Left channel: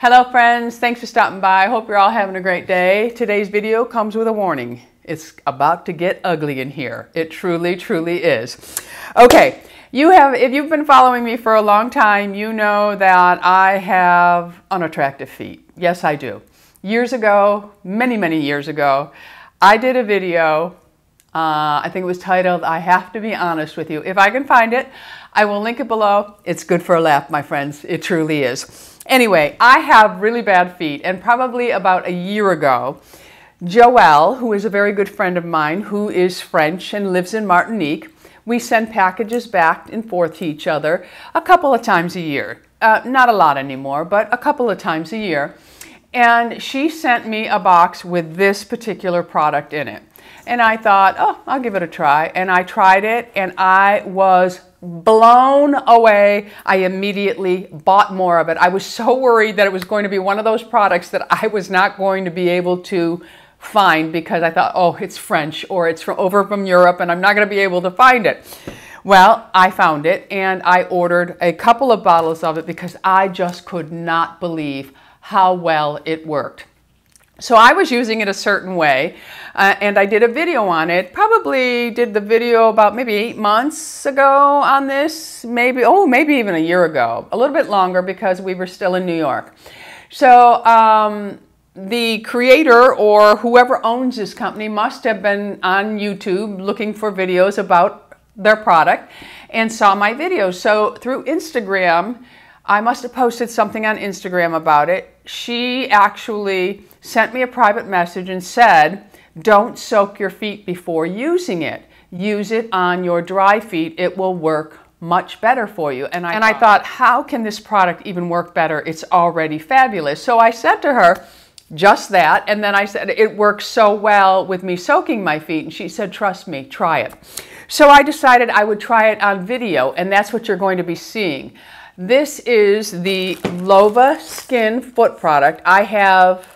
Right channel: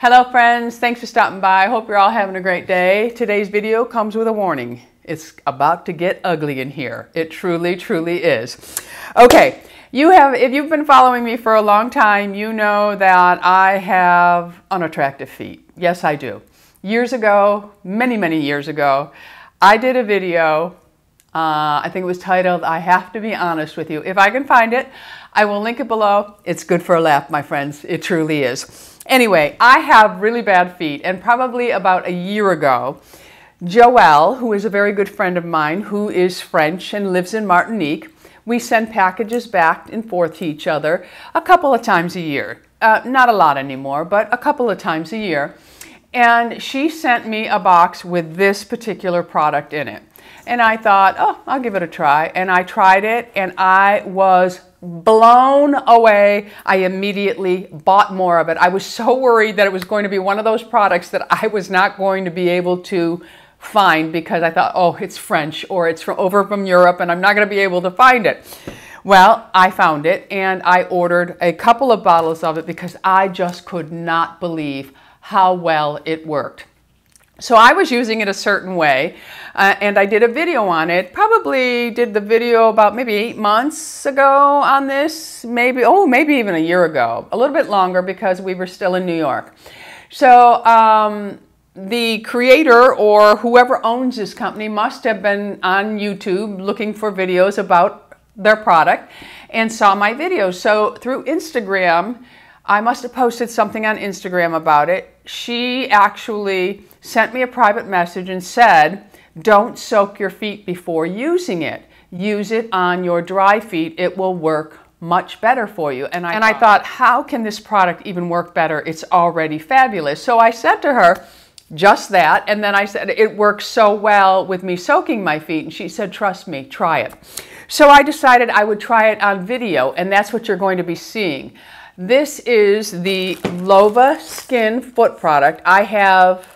Hello friends, thanks for stopping by. I hope you're all having a great day. Today's video comes with a warning. It's about to get ugly in here. It truly, truly is. Okay, if you've been following me for a long time, you know that I have unattractive feet. Yes, I do. Years ago, many years ago, I did a video, I think it was titled, I Have to Be Honest With You. If I can find it, I will link it below. It's good for a laugh, my friends. It truly is. Anyway, I have really bad feet, and probably about a year ago, Joelle, who is a very good friend of mine, who is French and lives in Martinique, we send packages back and forth to each other a couple of times a year. Not a lot anymore, but a couple of times a year. And she sent me a box with this particular product in it. And I thought, oh, I'll give it a try. And I tried it, and I was blown away. I immediately bought more of it. I was so worried that it was going to be one of those products that I was not going to be able to find because I thought, oh, it's French or it's over from Europe and I'm not going to be able to find it. Well, I found it and I ordered a couple of bottles of it because I just could not believe how well it worked. So I was using it a certain way, and I did a video on it. Probably did the video about maybe 8 months ago on this, maybe even a year ago, a little bit longer because we were still in New York. So the creator or whoever owns this company must have been on YouTube looking for videos about their product and saw my videos. So through Instagram, I must have posted something on Instagram about it. She actually sent me a private message and said, don't soak your feet before using it. Use it on your dry feet. It will work much better for you. And I thought, how can this product even work better? It's already fabulous. So I said to her just that. And then I said, it works so well with me soaking my feet. And she said, trust me, try it. So I decided I would try it on video. And that's what you're going to be seeing. This is the Loba Skin Foot product. I have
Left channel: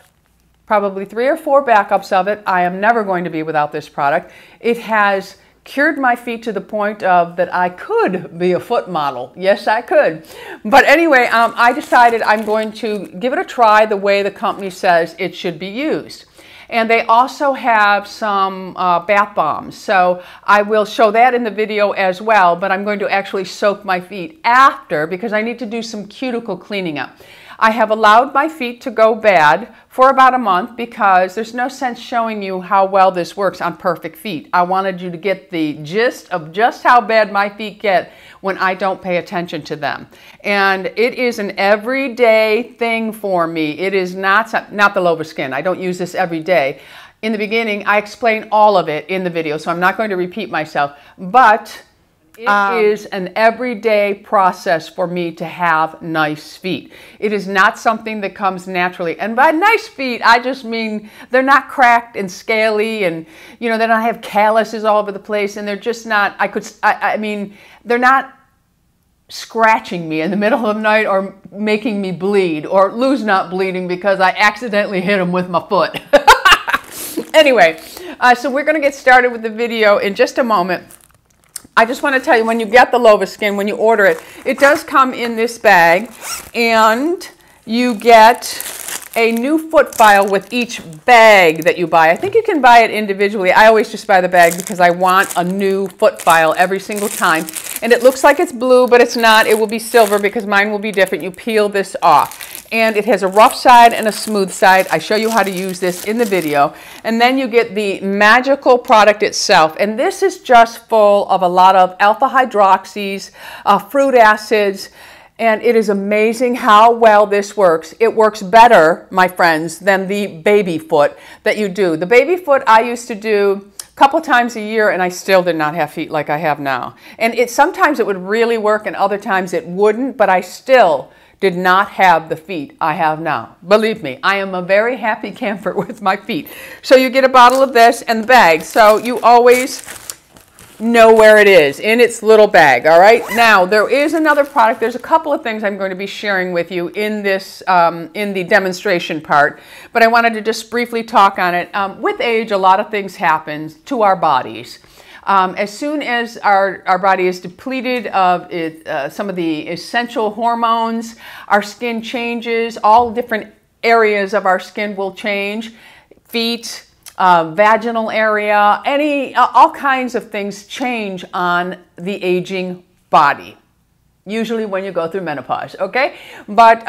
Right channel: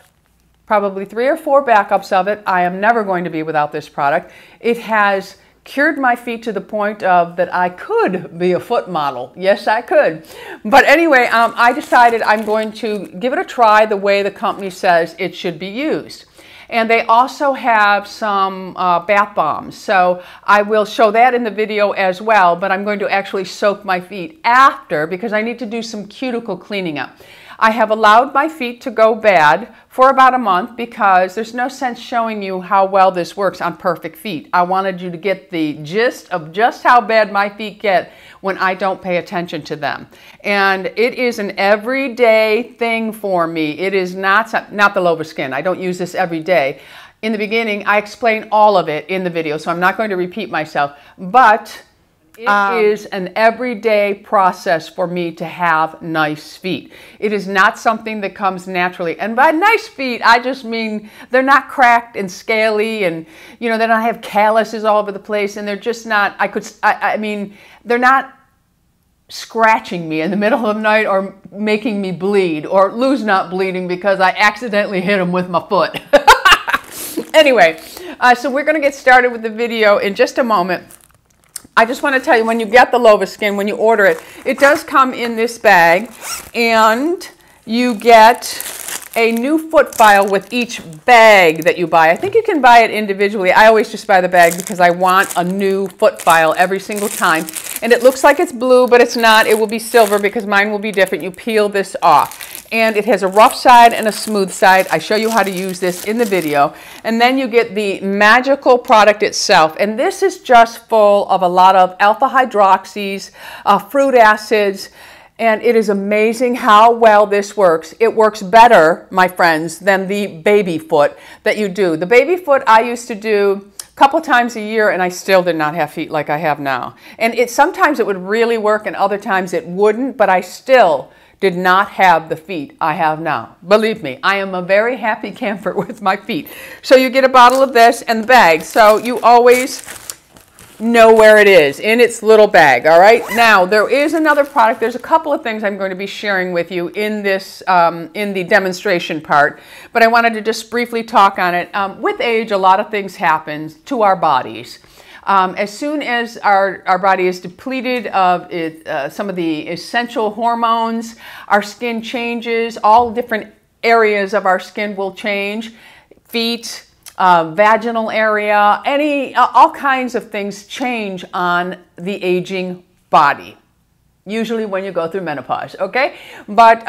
probably 3 or 4 backups of it. I am never going to be without this product. It has cured my feet to the point of that I could be a foot model. Yes, I could. But anyway, I decided I'm going to give it a try the way the company says it should be used. And they also have some bath bombs. So I will show that in the video as well, but I'm going to actually soak my feet after because I need to do some cuticle cleaning up. I have allowed my feet to go bad for about a month because there's no sense showing you how well this works on perfect feet. I wanted you to get the gist of just how bad my feet get when I don't pay attention to them. And it is an everyday thing for me. It is not the Loba Skin. I don't use this every day. In the beginning, I explain all of it in the video, so I'm not going to repeat myself, but it is an everyday process for me to have nice feet. It is not something that comes naturally. And by nice feet, I just mean they're not cracked and scaly and, you know, they don't have calluses all over the place and they're just not, I mean, they're not scratching me in the middle of the night or making me bleed or Lou's not bleeding because I accidentally hit him with my foot. Anyway, so we're going to get started with the video in just a moment. I just want to tell you, when you get the Loba Skin, when you order it, it does come in this bag, and you get a new foot file with each bag that you buy. I think you can buy it individually. I always just buy the bag because I want a new foot file every single time. And it looks like it's blue, but it's not. It will be silver because mine will be different. You peel this off. And it has a rough side and a smooth side. I show you how to use this in the video. And then you get the magical product itself. And this is just full of a lot of alpha hydroxys, fruit acids, and it is amazing how well this works. It works better, my friends, than the baby foot that you do. The baby foot I used to do a couple times a year, and I still did not have feet like I have now. And sometimes it would really work, and other times it wouldn't, but I still did not have the feet I have now. Believe me, I am a very happy camper with my feet. So you get a bottle of this and the bag. So you always know where it is in its little bag. All right. Now there is another product. There's a couple of things I'm going to be sharing with you in this in the demonstration part, but I wanted to just briefly talk on it. With age, a lot of things happen to our bodies. As soon as our body is depleted of some of the essential hormones, our skin changes. All different areas of our skin will change. Feet, vaginal area, all kinds of things change on the aging body, usually when you go through menopause, okay? But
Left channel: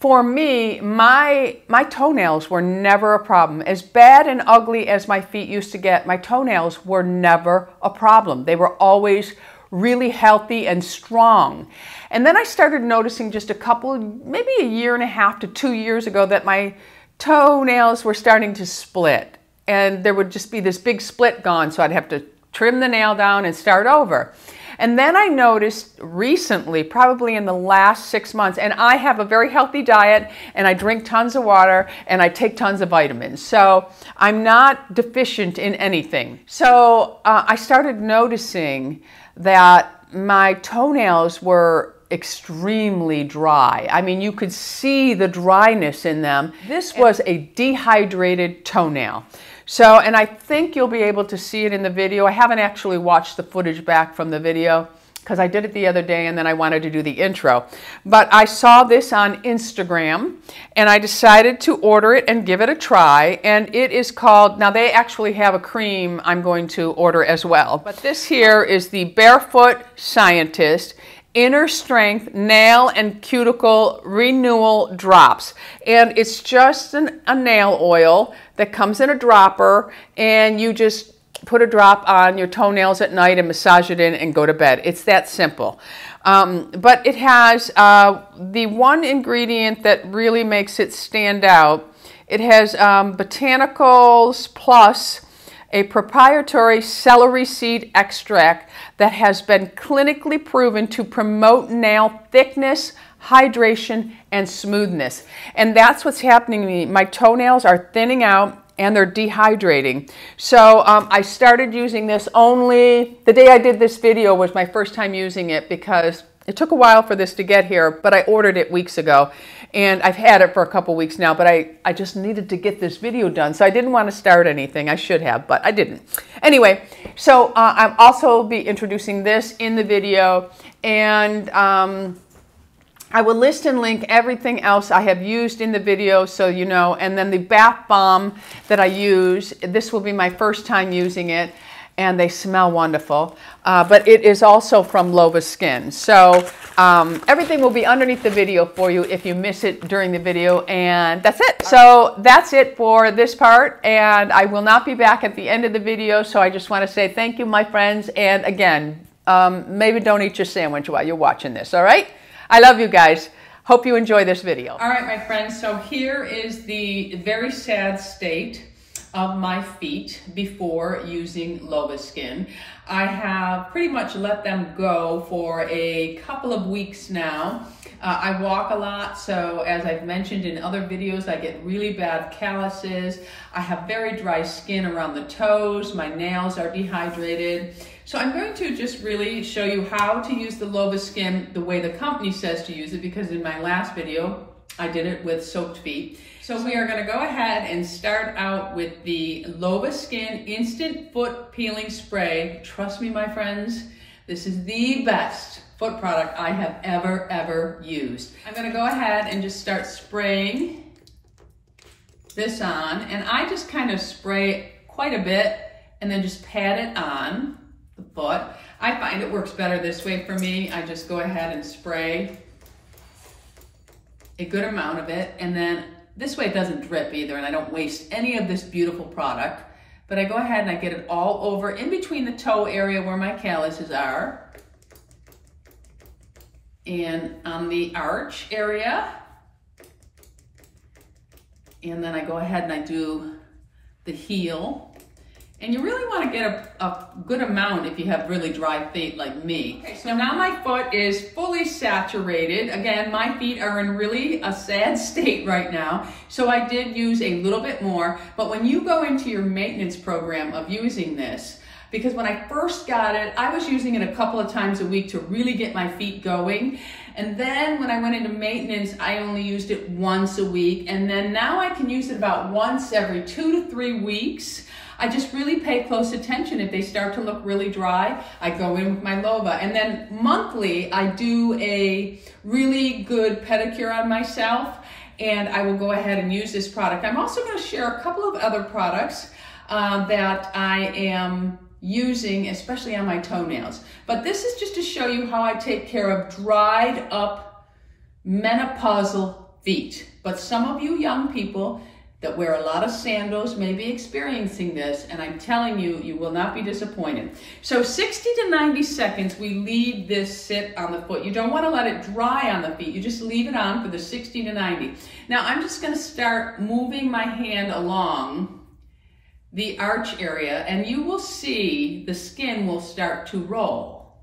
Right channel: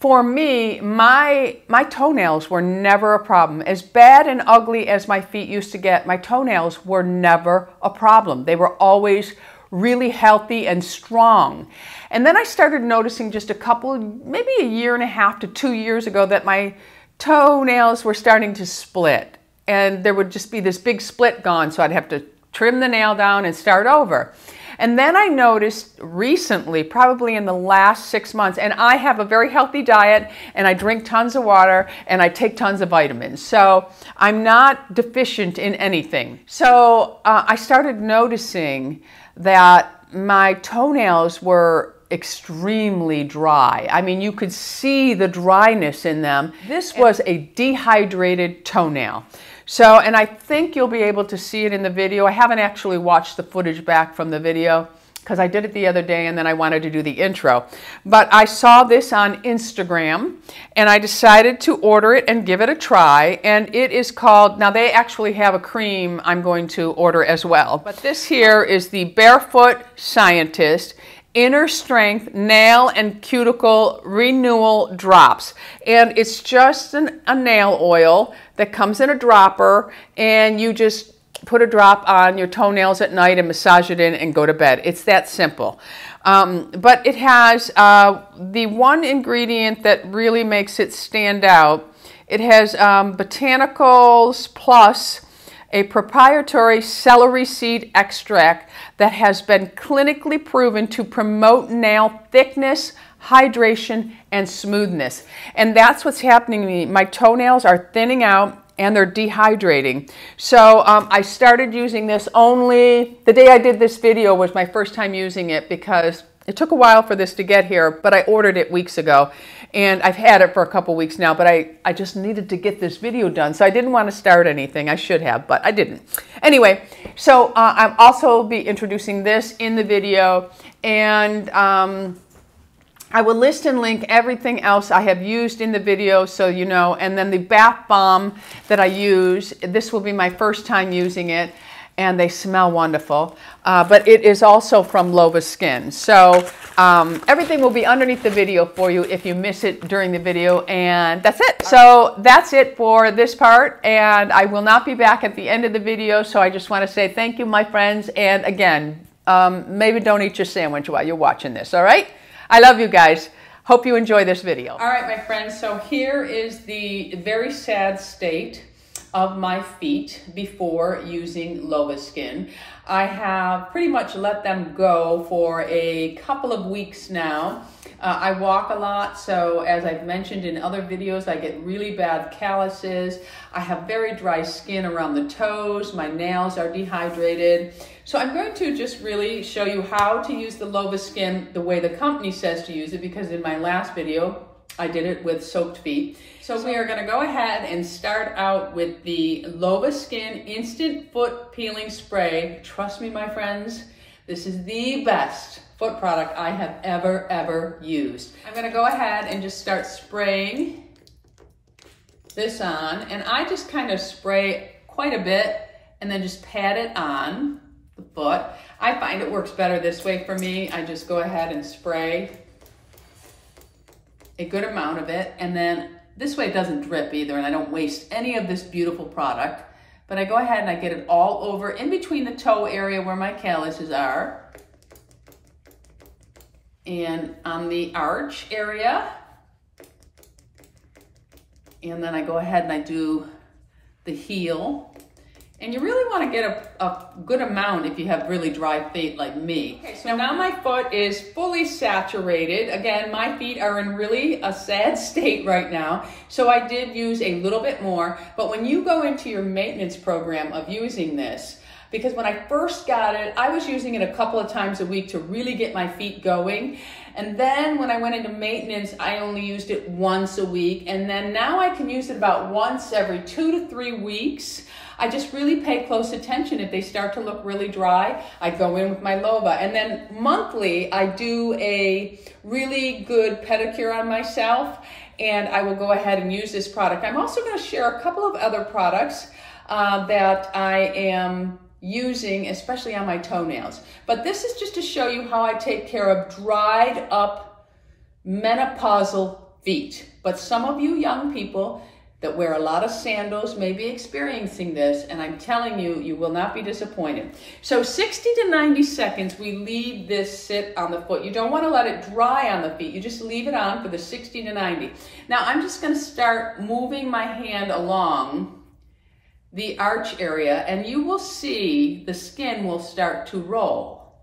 for me, my toenails were never a problem. As bad and ugly as my feet used to get, my toenails were never a problem. They were always really healthy and strong. And then I started noticing just maybe a year and a half to 2 years ago, that my toenails were starting to split, and there would just be this big split gone, so I'd have to trim the nail down and start over. And then I noticed recently, probably in the last 6 months, and I have a very healthy diet, and I drink tons of water, and I take tons of vitamins, so I'm not deficient in anything. So I started noticing that my toenails were extremely dry. I mean, you could see the dryness in them. This was a dehydrated toenail. So, and I think you'll be able to see it in the video. I haven't actually watched the footage back from the video because I did it the other day and then I wanted to do the intro. But I saw this on Instagram and I decided to order it and give it a try. And it is called, now they actually have a cream I'm going to order as well. But this here is the Barefoot Scientist Inner Strength Nail and Cuticle Renewal Drops. And it's just a nail oil that comes in a dropper, and you just put a drop on your toenails at night and massage it in and go to bed. It's that simple. But it has the one ingredient that really makes it stand out. It has botanicals plus a proprietary celery seed extract that has been clinically proven to promote nail thickness, hydration, and smoothness. And that's what's happening to me. My toenails are thinning out and they're dehydrating. So I started using this only, the day I did this video was my first time using it because it took a while for this to get here, but I ordered it weeks ago. And I've had it for a couple weeks now, but I just needed to get this video done. So I didn't want to start anything. I should have, but I didn't. Anyway, so I'll also be introducing this in the video. And I will list and link everything else I have used in the video so you know. And then the bath balm that I use, this will be my first time using it. And they smell wonderful, but it is also from Loba Skin. So everything will be underneath the video for you if you miss it during the video, and that's it. So that's it for this part, and I will not be back at the end of the video, so I just want to say thank you, my friends, and again, maybe don't eat your sandwich while you're watching this, all right? I love you guys. Hope you enjoy this video. All right, my friends, so here is the very sad state of my feet before using Loba Skin. I have pretty much let them go for a couple of weeks now. I walk a lot, so as I've mentioned in other videos, I get really bad calluses. I have very dry skin around the toes. My nails are dehydrated. So I'm going to just really show you how to use the Loba Skin the way the company says to use it, because in my last video, I did it with soaked feet. So we are going to go ahead and start out with the Loba Skin Instant Foot Peeling Spray. Trust me, my friends, this is the best foot product I have ever used. I'm going to go ahead and just start spraying this on, and I just kind of spray quite a bit and then just pat it on the foot. I find it works better this way for me. I just go ahead and spray a good amount of it, and then this way it doesn't drip either, and I don't waste any of this beautiful product. But I go ahead and I get it all over in between the toe area where my calluses are, and on the arch area. And then I go ahead and I do the heel. And you really want to get a good amount if you have really dry feet like me. Okay, so now my foot is fully saturated. Again, my feet are in really a sad state right now. So I did use a little bit more. But when you go into your maintenance program of using this, because when I first got it, I was using it a couple of times a week to really get my feet going. And then when I went into maintenance, I only used it once a week. And then now I can use it about once every 2 to 3 weeks. I just really pay close attention. If they start to look really dry, I go in with my Loba. And then monthly, I do a really good pedicure on myself, and I will go ahead and use this product. I'm also going to share a couple of other products that I am using, especially on my toenails. But this is just to show you how I take care of dried up menopausal feet. But some of you young people that wear a lot of sandals may be experiencing this, and I'm telling you, you will not be disappointed. So 60 to 90 seconds, we leave this sit on the foot. You don't want to let it dry on the feet. You just leave it on for the 60 to 90. Now I'm just going to start moving my hand along the arch area, and you will see the skin will start to roll.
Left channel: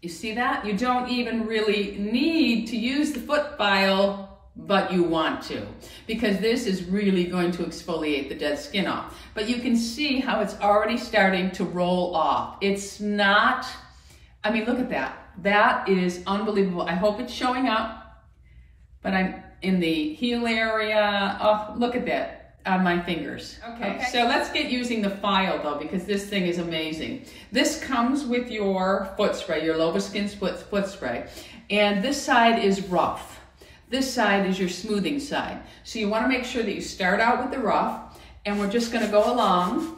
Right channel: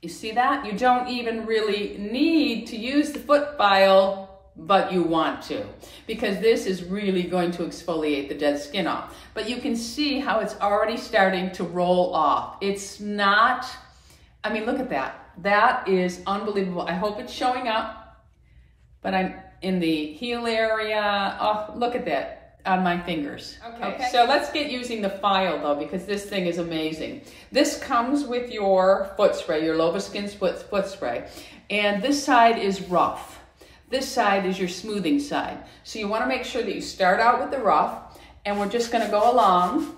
You see that? You don't even really need to use the foot file, but you want to, because this is really going to exfoliate the dead skin off. But you can see how it's already starting to roll off. It's not, I mean, look at that. That is unbelievable. I hope it's showing up, but I'm in the heel area. Oh, look at that on my fingers. Okay, so let's get using the file though, because this thing is amazing. This comes with your foot spray, your Loba Skin's foot spray. And this side is rough. This side is your smoothing side. So you want to make sure that you start out with the rough, and we're just going to go along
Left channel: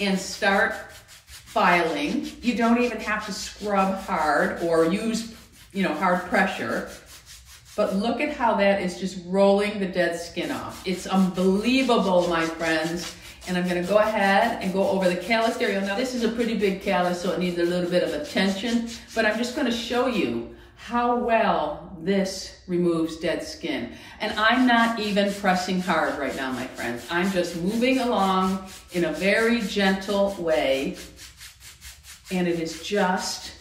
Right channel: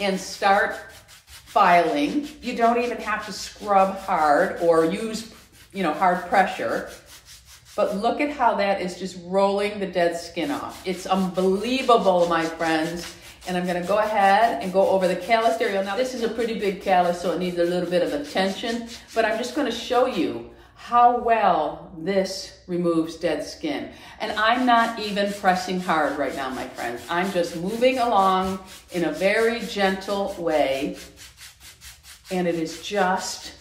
and start filing. You don't even have to scrub hard or use, you know, hard pressure. But look at how that is just rolling the dead skin off. It's unbelievable, my friends. And I'm going to go ahead and go over the callus area. Now this is a pretty big callus, so it needs a little bit of attention, but I'm just going to show you how well this removes dead skin. And I'm not even pressing hard right now, my friends. I'm just moving along in a very gentle way, and it is just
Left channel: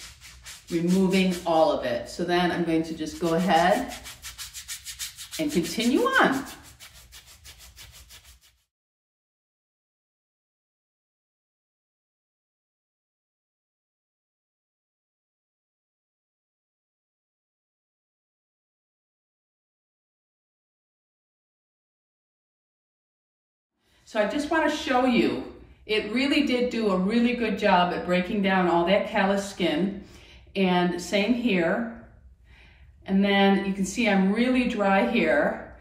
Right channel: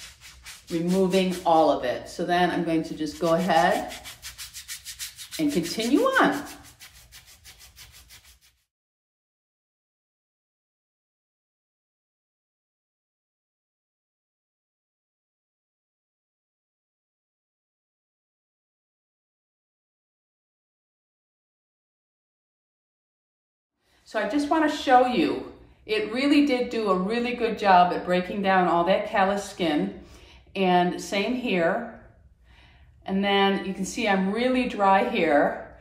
removing all of it. So then I'm going to just go ahead and continue on. So I just want to show you, it really did do a really good job at breaking down all that callous skin. And same here. And then you can see I'm really dry here,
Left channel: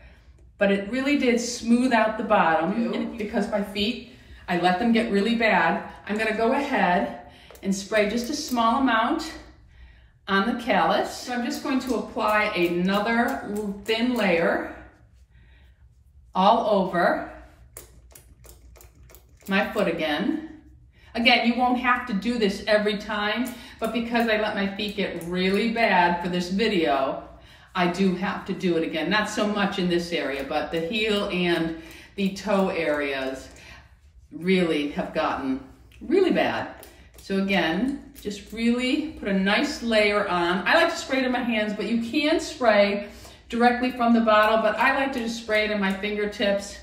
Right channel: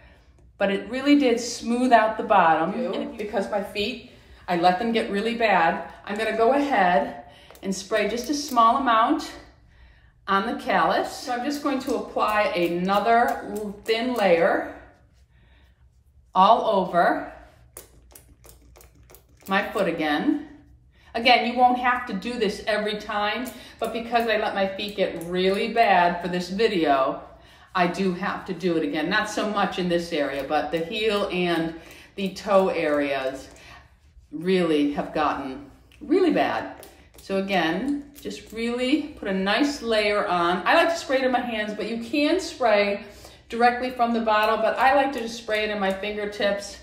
but it really did smooth out the bottom. And because my feet, I let them get really bad, I'm going to go ahead and spray just a small amount on the callus. So I'm just going to apply another thin layer all over my foot again. Again, you won't have to do this every time, but because I let my feet get really bad for this video, I do have to do it again. Not so much in this area, but the heel and the toe areas really have gotten really bad. So again, just really put a nice layer on. I like to spray it in my hands, but you can spray directly from the bottle, but I like to just spray it in my fingertips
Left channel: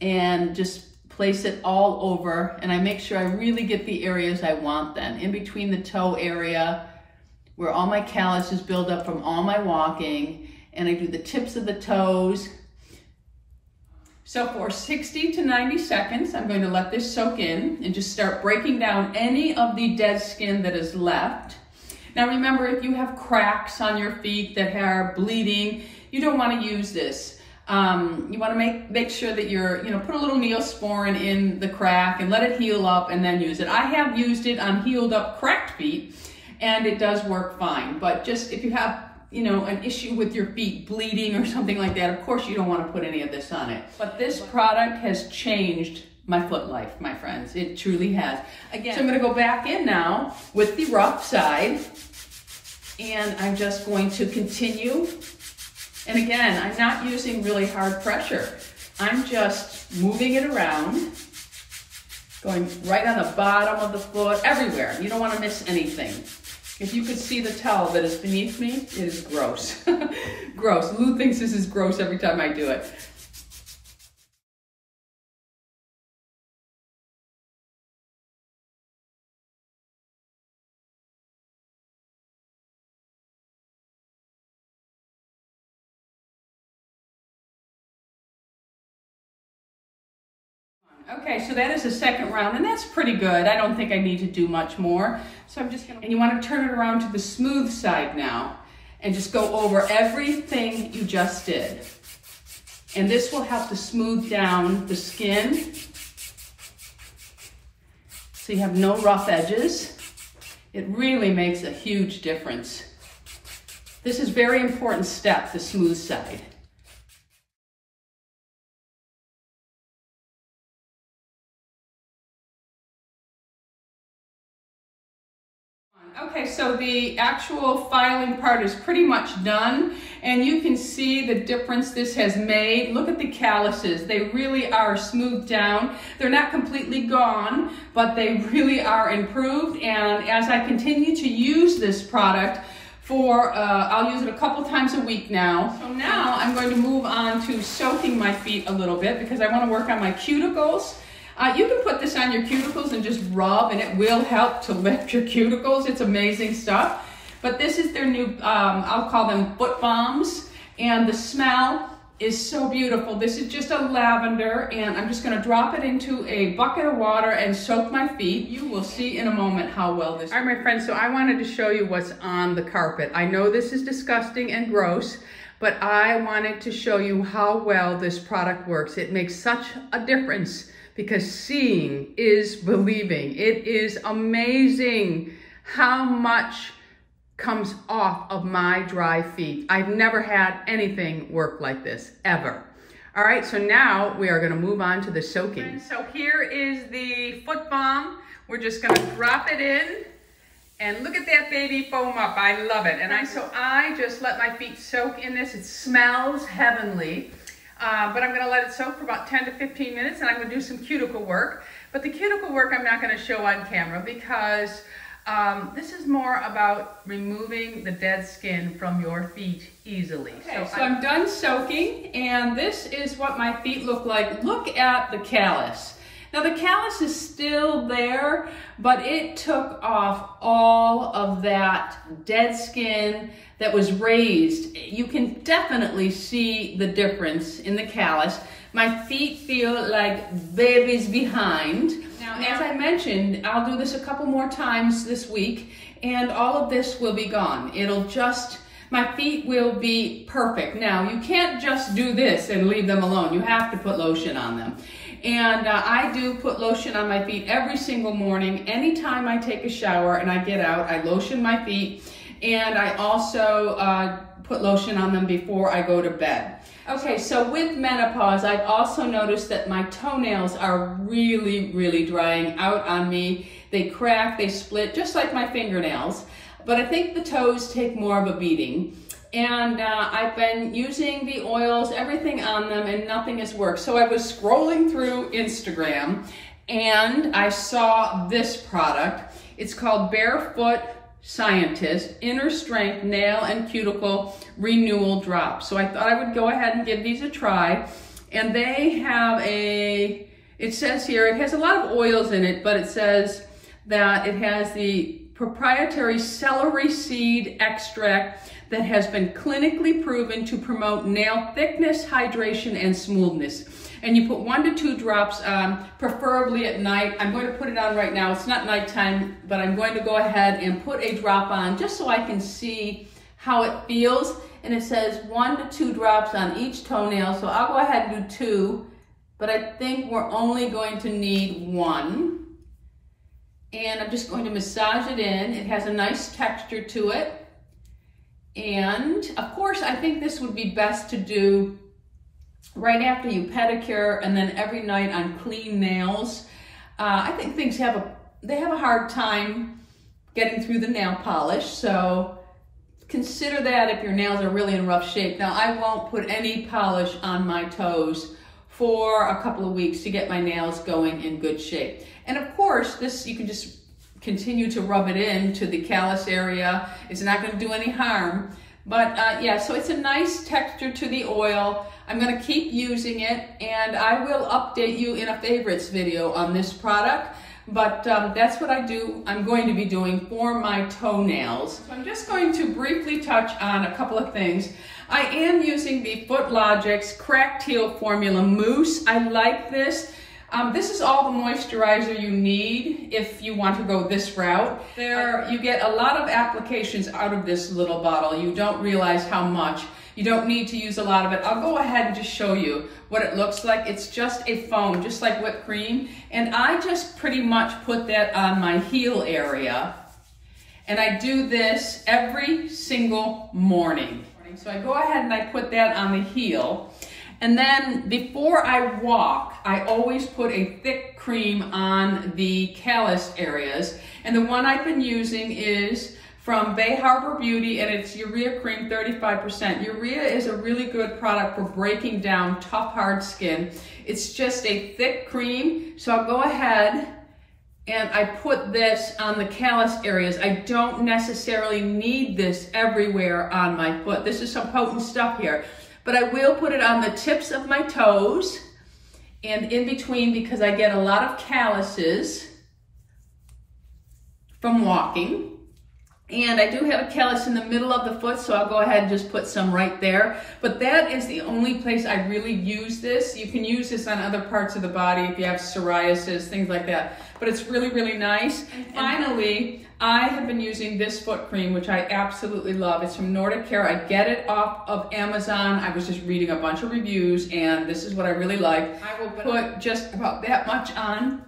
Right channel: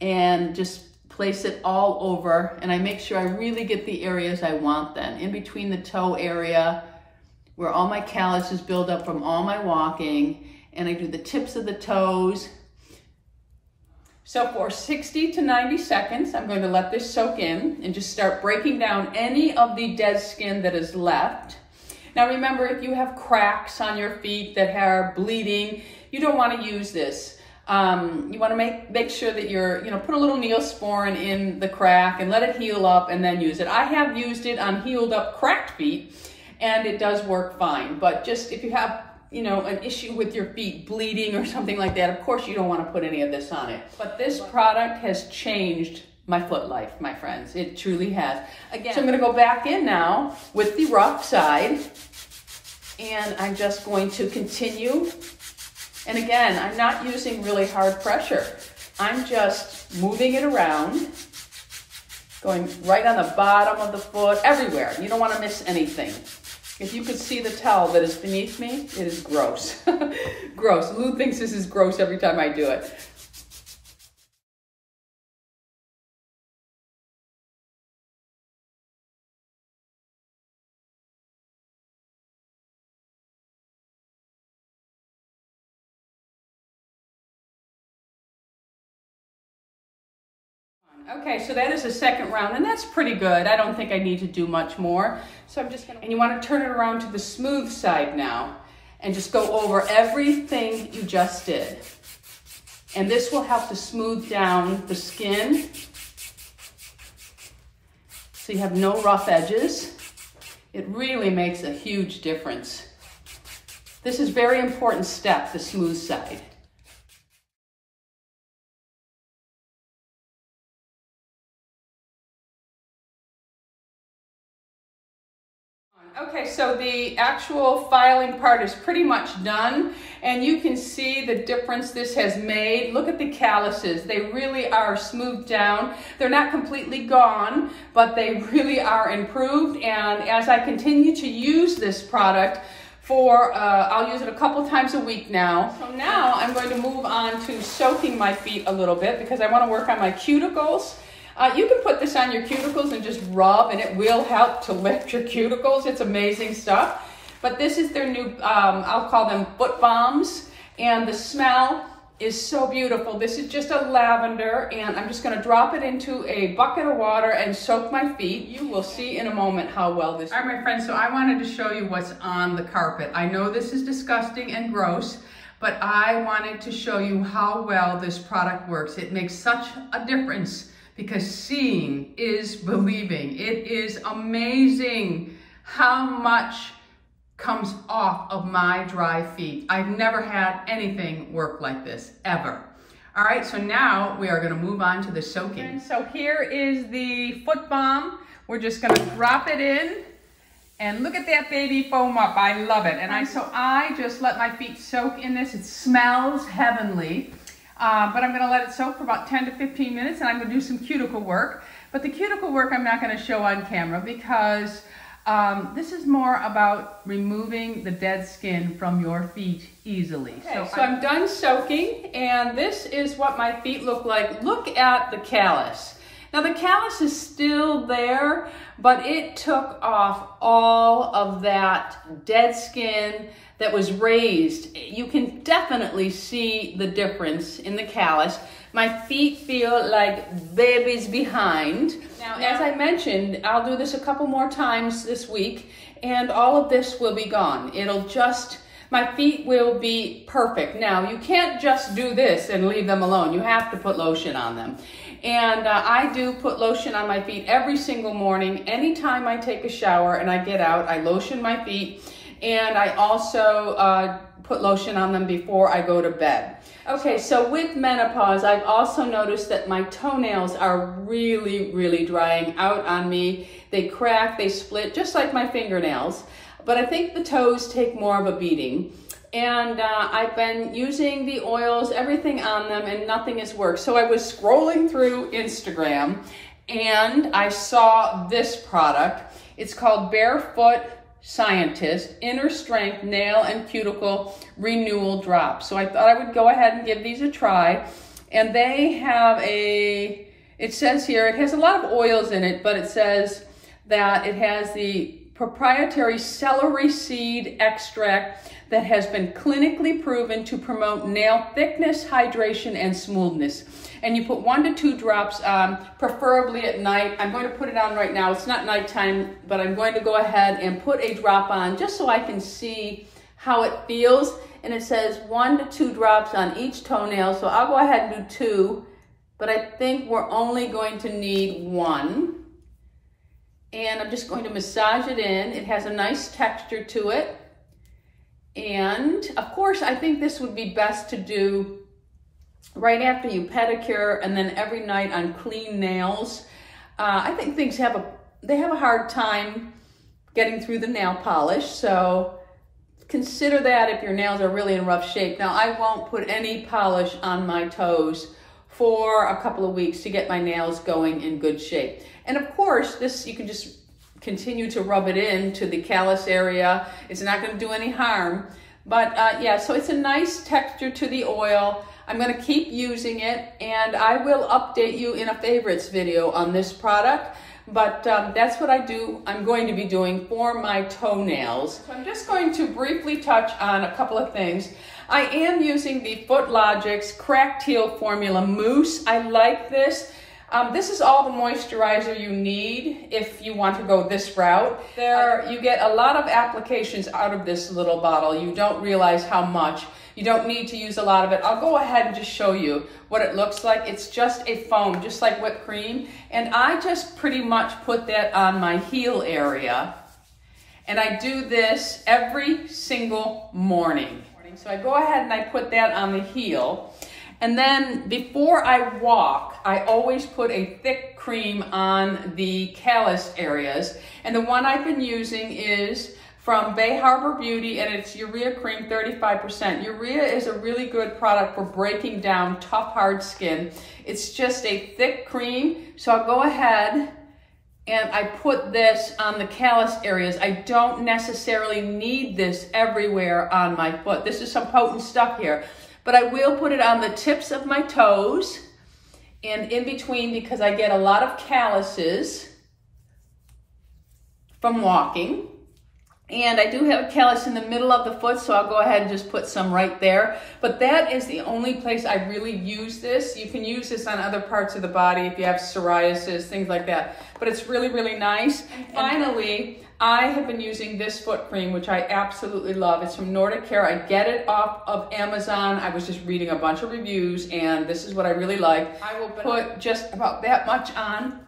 and just place it all over, and I make sure I really get the areas I want then. In between the toe area, where all my calluses build up from all my walking, and I do the tips of the toes. So for 60 to 90 seconds, I'm going to let this soak in and just start breaking down any of the dead skin that is left. Now remember, if you have cracks on your feet that are bleeding, you don't want to use this. You want to make sure that you're, put a little Neosporin in the crack and let it heal up and then use it. I have used it on healed up cracked feet and it does work fine. But just if you have, an issue with your feet bleeding or something like that, of course you don't want to put any of this on it. But this product has changed my foot life, my friends. It truly has. Again, so I'm going to go back in now with the rough side, and I'm just going to continue. And again, I'm not using really hard pressure. I'm just moving it around, going right on the bottom of the foot, everywhere. You don't want to miss anything. If you could see the towel that is beneath me, it is gross. Gross. Lou thinks this is gross every time I do it. Okay, so that is the second round, and that's pretty good. I don't think I need to do much more. So I'm just gonna, and you wanna turn it around to the smooth side now, and just go over everything you just did. And this will help to smooth down the skin, so you have no rough edges. It really makes a huge difference. This is a very important step, the smooth side. Okay, so the actual filing part is pretty much done, and you can see the difference this has made. Look at the calluses. They really are smoothed down. They're not completely gone, but they really are improved, and as I continue to use this product for, I'll use it a couple times a week now. So now I'm going to move on to soaking my feet a little bit because I want to work on my cuticles. You can put this on your cuticles and just rub, and it will help to lift your cuticles. It's amazing stuff. But this is their new, I'll call them foot balms, and the smell is so beautiful. This is just a lavender, and I'm just gonna drop it into a bucket of water and soak my feet. You will see in a moment how well this. All right, my friends, so I wanted to show you what's on the carpet. I know this is disgusting and gross, but I wanted to show you how well this product works. It makes such a difference, because seeing is believing. It is amazing how much comes off of my dry feet. I've never had anything work like this, ever. All right, so now we are gonna move on to the soaking. So here is the foot balm. We're just gonna drop it in, and look at that baby foam up. I love it. And I just let my feet soak in this. It smells heavenly. But I'm gonna let it soak for about 10 to 15 minutes, and I'm gonna do some cuticle work. But the cuticle work I'm not gonna show on camera because this is more about removing the dead skin from your feet easily. Okay, so I'm done soaking, and this is what my feet look like. Look at the callus. Now the callus is still there, but it took off all of that dead skin that was raised. You can definitely see the difference in the callus. My feet feel like babies behind. Now, as I mentioned, I'll do this a couple more times this week, and all of this will be gone. My feet will be perfect. Now, you can't just do this and leave them alone. You have to put lotion on them. And I do put lotion on my feet every single morning. Anytime I take a shower and I get out, I lotion my feet. And I also put lotion on them before I go to bed. Okay, so with menopause, I've also noticed that my toenails are really, really drying out on me. They crack, they split, just like my fingernails. But I think the toes take more of a beating. And I've been using the oils, everything on them, and nothing has worked. So I was scrolling through Instagram, and I saw this product. It's called Barefoot Scientist Inner Strength Nail and Cuticle Renewal Drops. So I thought I would go ahead and give these a try. And they have it says here, it has a lot of oils in it, but it says that it has the proprietary celery seed extract that has been clinically proven to promote nail thickness, hydration, and smoothness. And you put 1 to 2 drops on, preferably at night. I'm going to put it on right now. It's not nighttime, but I'm going to go ahead and put a drop on just so I can see how it feels. And it says 1 to 2 drops on each toenail. So I'll go ahead and do 2, but I think we're only going to need 1. And I'm just going to massage it in. It has a nice texture to it. And of course, I think this would be best to do right after you pedicure and then every night on clean nails. I think things have a hard time getting through the nail polish, so consider that if your nails are really in rough shape. Now, I won't put any polish on my toes for a couple of weeks to get my nails going in good shape. And of course, this you can just continue to rub it into the callus area. It's not going to do any harm. But yeah, so it's a nice texture to the oil. I'm going to keep using it, and I will update you in a favorites video on this product. But that's what I'm going to be doing for my toenails. So I'm just going to briefly touch on a couple of things. I am using the Footlogix Cracked Heel Formula Mousse. I like this. This is all the moisturizer you need if you want to go this route. There, you get a lot of applications out of this little bottle. You don't realize how much. You don't need to use a lot of it. I'll go ahead and just show you what it looks like. It's just a foam, just like whipped cream. And I just pretty much put that on my heel area. And I do this every single morning. So I go ahead and I put that on the heel. And then before I walk, I always put a thick cream on the callus areas. And the one I've been using is from Bay Harbor Beauty, and it's urea cream 35%. Urea is a really good product for breaking down tough, hard skin. It's just a thick cream. So I'll go ahead and I put this on the callus areas. I don't necessarily need this everywhere on my foot. This is some potent stuff here. But I will put it on the tips of my toes and in between because I get a lot of calluses from walking. And I do have a callus in the middle of the foot, so I'll go ahead and just put some right there. But that is the only place I really use this. You can use this on other parts of the body if you have psoriasis, things like that. But it's really, really nice. And finally, I have been using this foot cream, which I absolutely love. It's from Nordic Care. I get it off of Amazon. I was just reading a bunch of reviews, and this is what I really like. I will put just about that much on,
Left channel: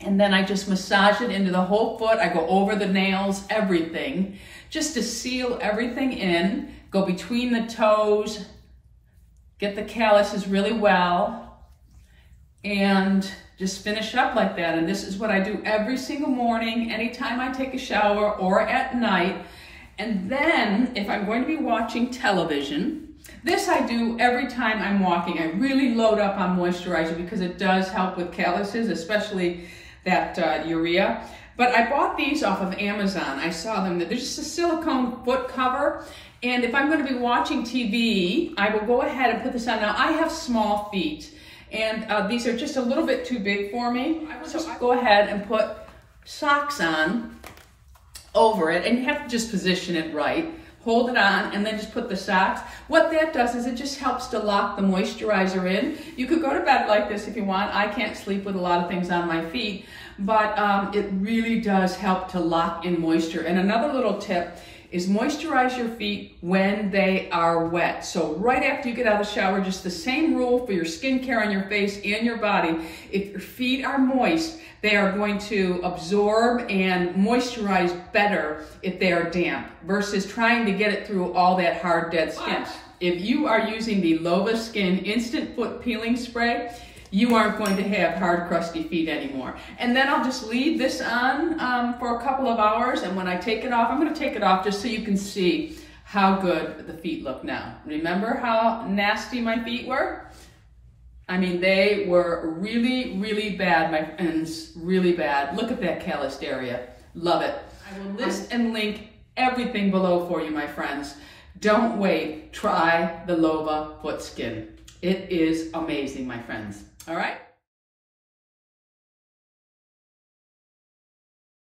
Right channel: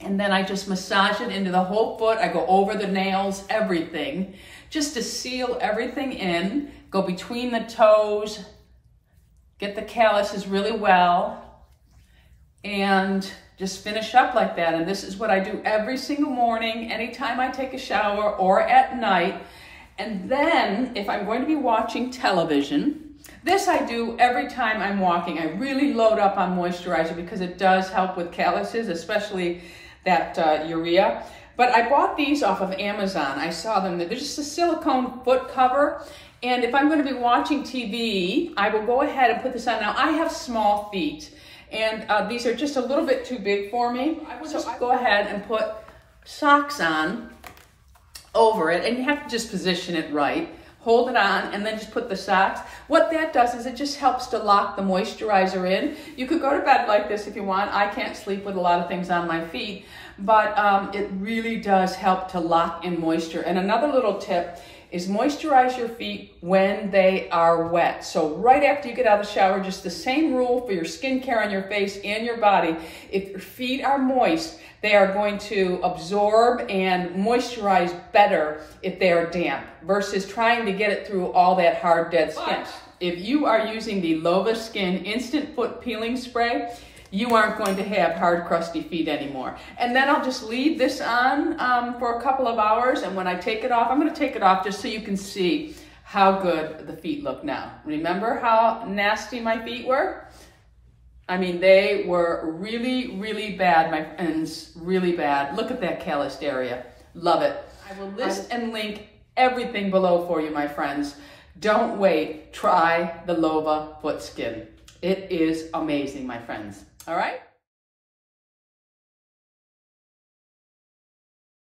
and then I just massage it into the whole foot. I go over the nails, everything, just to seal everything in. Go between the toes, get the calluses really well, and just finish up like that. And this is what I do every single morning, anytime I take a shower or at night. And then if I'm going to be watching television, this I do every time I'm walking. I really load up on moisturizer because it does help with calluses, especially that urea. But I bought these off of Amazon. I saw them. They're just a silicone foot cover. And if I'm going to be watching TV, I will go ahead and put this on. Now, I have small feet, and these are just a little bit too big for me. So I go ahead and put socks on over it, and you have to just position it right. Hold it on, and then just put the socks. What that does is it just helps to lock the moisturizer in. You could go to bed like this if you want. I can't sleep with a lot of things on my feet, but it really does help to lock in moisture. And another little tip is moisturize your feet when they are wet. So right after you get out of the shower, just the same rule for your skincare on your face and your body. If your feet are moist, they are going to absorb and moisturize better if they are damp versus trying to get it through all that hard, dead skin. If you are using the Loba Skin Instant Foot Peeling Spray, you aren't going to have hard, crusty feet anymore. And then I'll just leave this on for a couple of hours, and when I take it off, I'm going to take it off just so you can see how good the feet look now. Remember how nasty my feet were? I mean, they were really, really bad, my friends, really bad. Look at that calloused area. Love it. I will list and link everything below for you, my friends. Don't wait. Try the Loba Foot Skin. It is amazing, my friends. All right?